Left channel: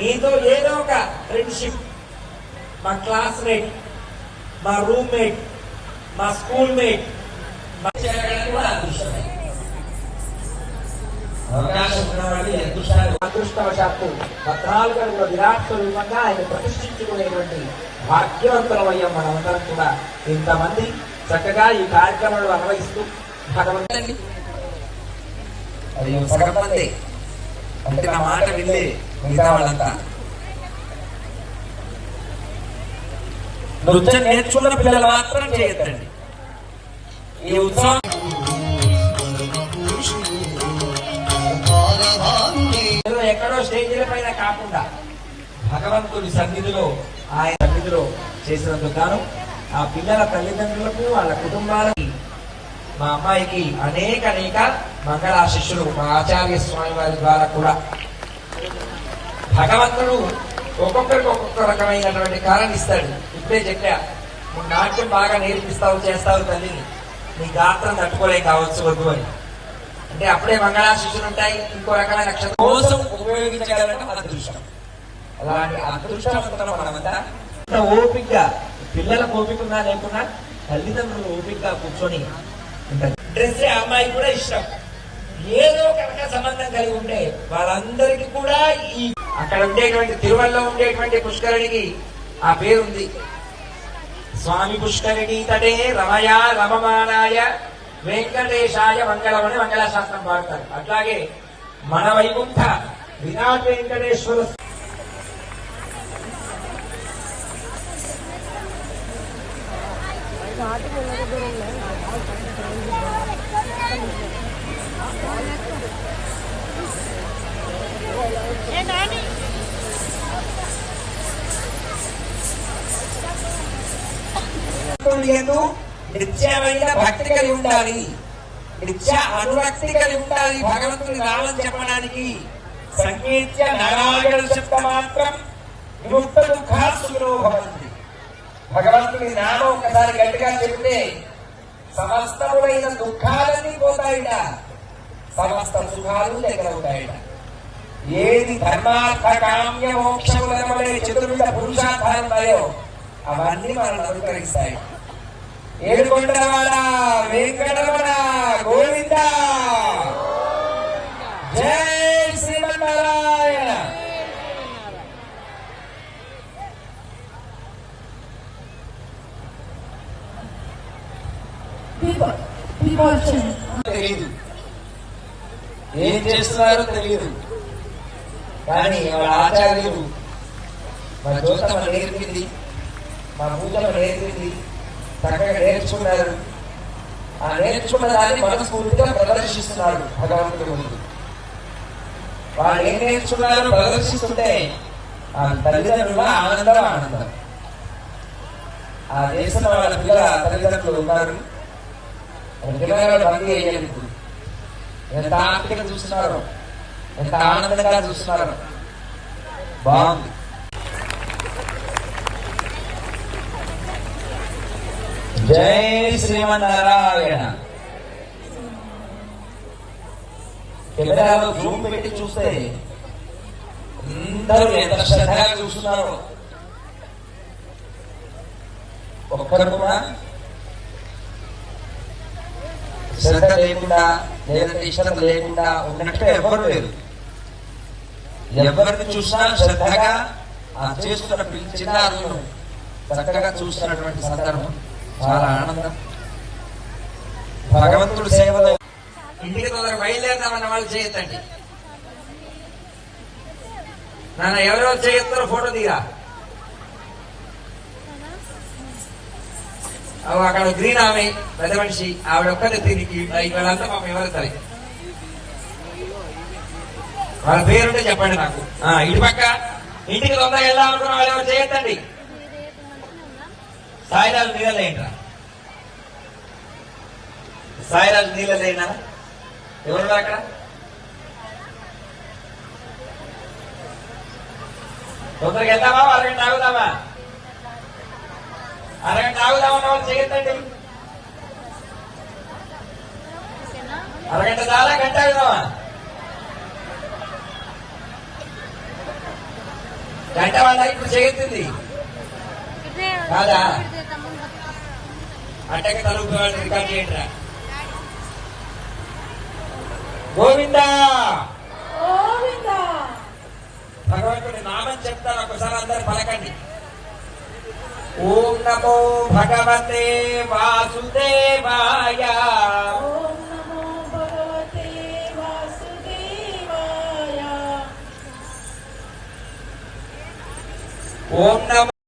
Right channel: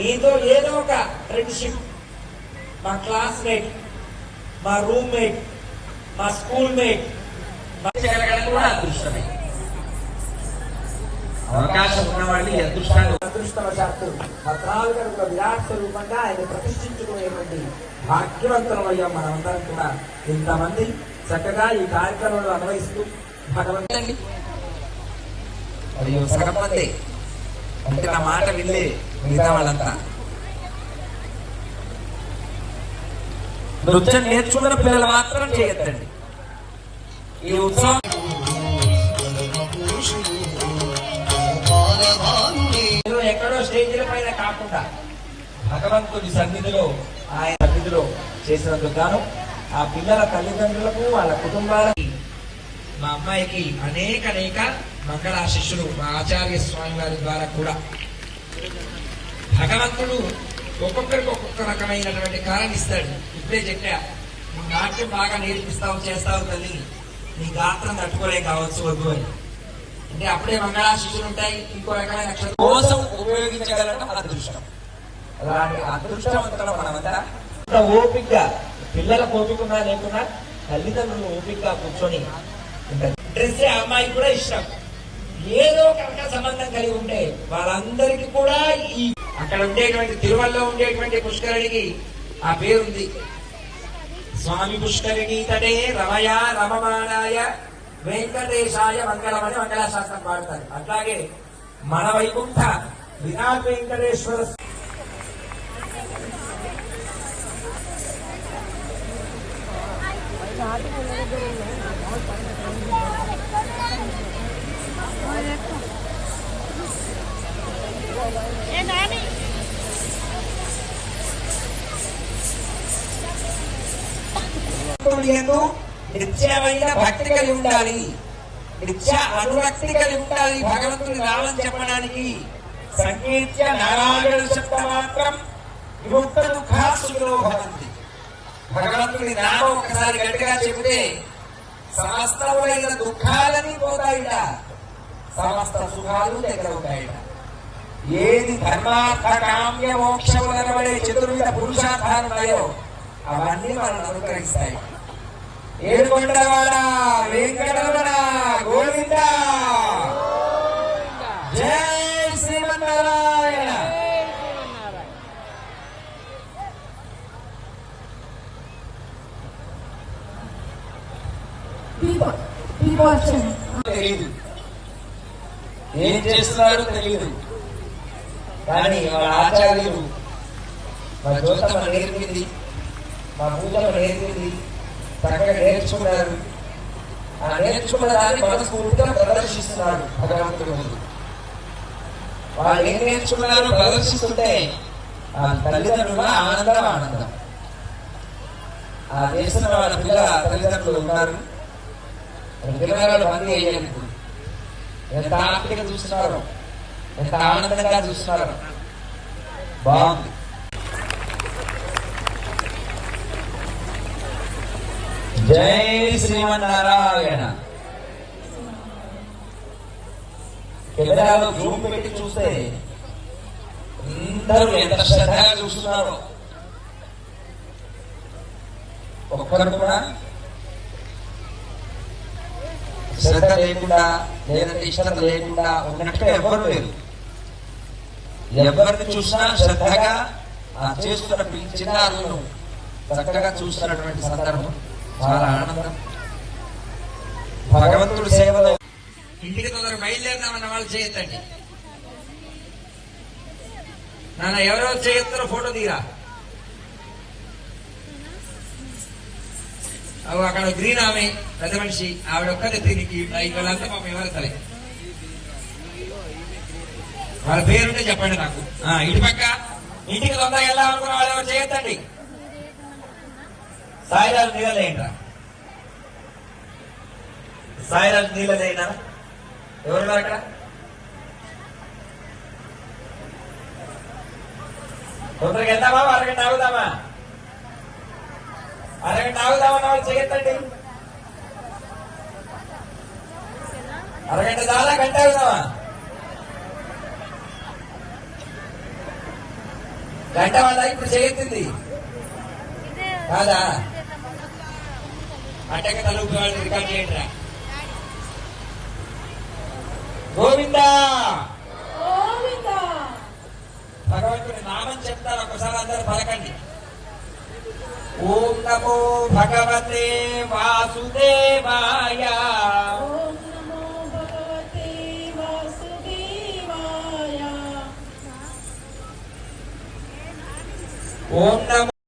మీతో ఏదో ఒక ఫ్రెండ్షిప్, మా క్లాస్మేట్, మా రూమ్మేట్, మా స్కూల్ మేట్ చేయగలగడం కూడా అదృష్టమే. అవకాశం ఉన్నవాళ్ళు అదృష్టవశాత్తు భద్రాలుగా విరాట్ స్వరూపంగా ఆయన ప్రతిష్ఠించుకునేటువంటి భాగ్యవంతులమయ్యాం మనమందరం కూడా. ఇంతమంది చక్కగా ఈ కార్యక్రమంలో అన్వయిస్తూ భగవంతుడి సగం మంది అంటే నా మాట వినలే మిగతా వాళ్ళంతా. నృత్యం నేర్చుకున్న పిల్లలు మాత్రం చేయొద్దండి ఈ ఉత్సవం. ఎక్కడో స్టేజీల పైన కాకుండా భగవంతుడి సన్నిధిలో, ఆయన సన్నిధిలో చేసినందుకు గాను ఆ పిల్లల తల్లిదండ్రులకు, వాళ్ళ కుటుంబాలకి, మా అమ్మాయికి అనేక మంగళాశిష్యులు మా ఆచార్య స్వామి వారి ద్వారా కూడా భగవంతుడు ఒక్కొక్కరికి ఒక్కొక్క రకమైనటువంటి కారణం ఇస్తాడు. ఇప్పుడే చెప్పా, నువ్వు నాట్యం బాగా నేర్పిస్తావు, చేస్తావు తల్లిని, నీ గాత్రం తట్టుకోలేక కావచ్చు వద్దు అని. అంటే అప్పుడే మంగళాశిష్యులు ఉంటాయి, ఇంకో రకమైన నక్షత్రం కోసం ఉపయోగించగలగడం అదృష్టం. అలాంటి అదృష్టవంతులు మనమంతా ఓపికగా, పిల్లలకు ఓపిక ఉన్నా లేకున్నా తల్లిదండ్రులు ఓపికగా కూర్చొని ఉంటారు. డ్రెస్ ఆ అమ్మాయికి కూడా ఇష్టం, ఏదో కనుక సంబంధం కలిగి ఉంటే వాళ్ళందరికీ కూడా ఈ అక్కడ ఉండేటువంటి తిరుమలలో ఉండేటువంటి పుష్కరిణికి ఆ పేరుంది. స్వామి పుష్కరిణి తటే రమయ రమమానాయ వెంకటేశాయ మంగళమని మంగళశాస్త్రం పాడతారు. అట్లాగే మన వైకుంఠ విరాట్ వెంకటేశ్వర నిత్యమైన భక్తి కలిగి ఉండాలి, నిత్య అనురక్తి కలిగి ఉండాలి. భగవంతుడి నామం చెప్పడానికి సంకీర్త్య నారాయణ శబ్ద మాత్రం విముక్త దుఃఖాసులో భవంతి. భగవంతుడి నామం ఒకసారి గట్టిగా చెబితే సమస్తమైన దుఃఖాలని పోతాయిట, సమస్త శుభాలు దగ్గర ఉంటాయిట. ఏది ధర్మార్థ కామ్య మోక్షములనబడే చతుర్విధ పురుషార్థాలు ఉన్నాయో అవన్నీ మనల్ని అనుగ్రహిస్తాయి. ఏడుకొండవాడ వెంకటరమణ గోవింద, జై శ్రీమన్నారాయణ. తెలీదు, ఏం చేస్తున్నారో తెలియదు, కానీ వాళ్ళ ఆచార్యులు మా జ్యోతమ్మ నేర్పింది, మా పూజమ్మ నేర్పింది, చక్కగా నేర్చుకున్నారు. ఆ నేర్చుకున్న దాన్ని మనస్ఫూర్తిగా ప్రదర్శిస్తున్నారు భగవంతుడు ముందు. వాళ్ళు ఏం నేర్చుకున్నారు ప్రదర్శిస్తుంటే ఆ తల్లిదండ్రుల ఆనందం. ఆ దేశంలో వాళ్ళ పిల్లల తల్లిదండ్రులు ఉన్నారు, పిల్లలు బందీ అయ్యేందుకు ఎంత ఆనందంగా చూస్తున్నారు, ఎంత ఆనందంగా చూస్తున్నారు. బాగుంది. జై శ్రీమన్నారాయణ. కెమెరాలో జూమ్ పెట్టి చూస్తే అందరూ ఎంత శ్రద్ధగా చూస్తున్నారు. ఒక్కరు కూడా శ్రద్ధ లేకుండా, లేదంటే ఇష్టత లేకుండా ఉన్నట్టుగా ఎవ్వరూ లేరు. ఎవరిని చూసినా శ్రద్ధగా ఆ చేస్తున్న చిన్నారులను చక్కగా చూస్తున్నటువంటి సందర్భం చాలా ఆనందం. భగవంతుడి సేవలో ఇంటికి తొందరగా బయలుదేరదామన్న వాళ్ళు చేయొద్దండి. నాన్న ఎవరెవరు చేయొస్తారో ఫోటో తీరా. అక్కడ గ్రీన్ ఆమె పెద్ద మనిషి, ఆవిడ ఒక్కదే తిరిగి వాళ్ళంతా పాపం ఎవరు సరే వాళ్ళ పేరుంటే చెప్పండి నాకు. ఇటు పక్క ఇంటికి తొందరగా వెళ్ళాలనుకున్న వాళ్ళు ఎవరు చేయొద్దండి. సాయిరాజు నీళ్ళలేంట్రా, సాయిరాజు నీళ్ళలేనా ఎవరు అక్కడ? తొందరగా వెళ్దామా, అరగంట ఆగుదామా? అరగంట ఆగుదామా వాళ్ళు చేయొద్దండి. అరగంట చాలా గంట ఆగుదామా? గంట వాళ్ళ ఇప్పుడు చేస్తుంది కాదా అట్టక తలుపు వాళ్ళు రికార్డ్ చేయండిరా గోవిందా భగవంతుడి నామం చెప్తాను ఒకసారి అందరు పలకండి ఓం నమో భగవతే వాసుదేవాయ ఓం నమో